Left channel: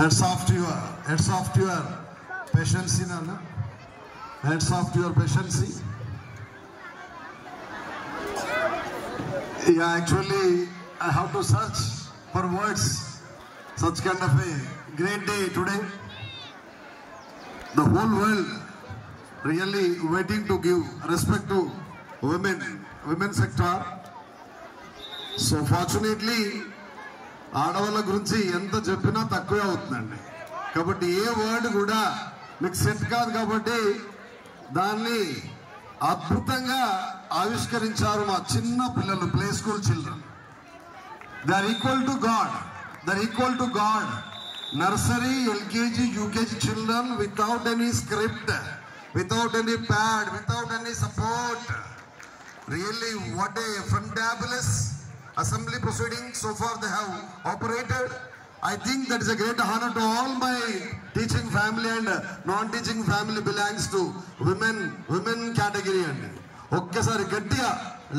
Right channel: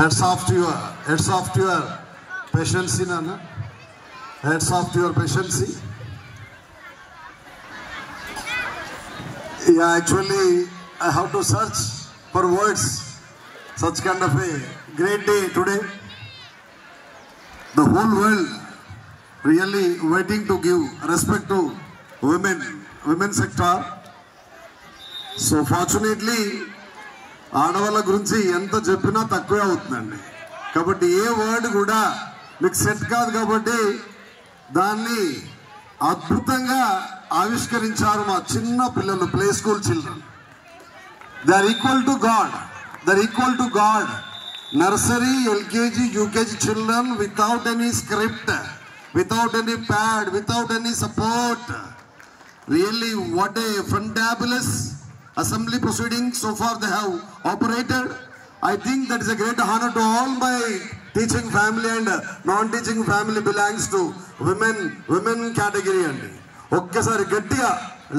Heads off to your patience, Nana. Heads off to your patience. Yeah, actually, I have to search for words. Such kind of a great day today. The whole world really waiting to give respect to women sector. So fortunately, ఆడవాళ్ళ గురించి ఎంత చెప్పినా తక్కువే అవుతుందండి. కాబట్టి ఏ word కూడా మీకు set కాదు కాబట్టి దాన్ని అద్భుతంగా ఆవిష్కరించారు మా చిన్న పిల్లలు, play school children. They are equal to God. Nursery, LKG, UKG children without any script, without any pad, without any support. Really, what a fantabulous assembly proceedings so far they have operated. I think that is a great honor to all my teaching family and non-teaching family belongs to women category. And okkasari gettiga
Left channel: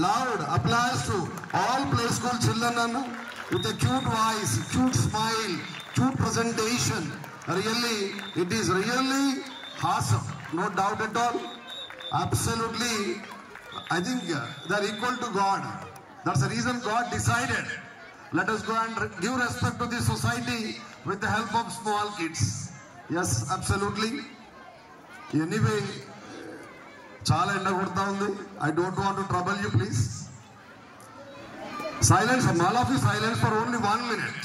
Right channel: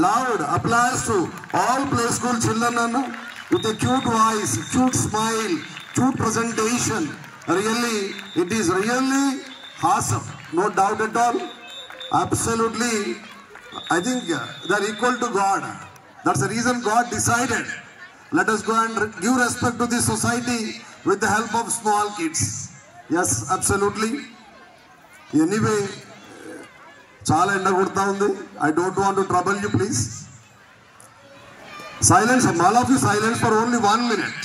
loud applause to all play school children with a cute voice, cute smile, cute presentation. Really, it is really awesome, no doubt at all. Absolutely, I think they are equal to God. That's the reason God decided, let us go and give respect to this society with the help of small kids. Yes, absolutely. Anyway, chala enda kodta undi. I don't want to trouble you, please. Silence, all of you silence for only 1 minute.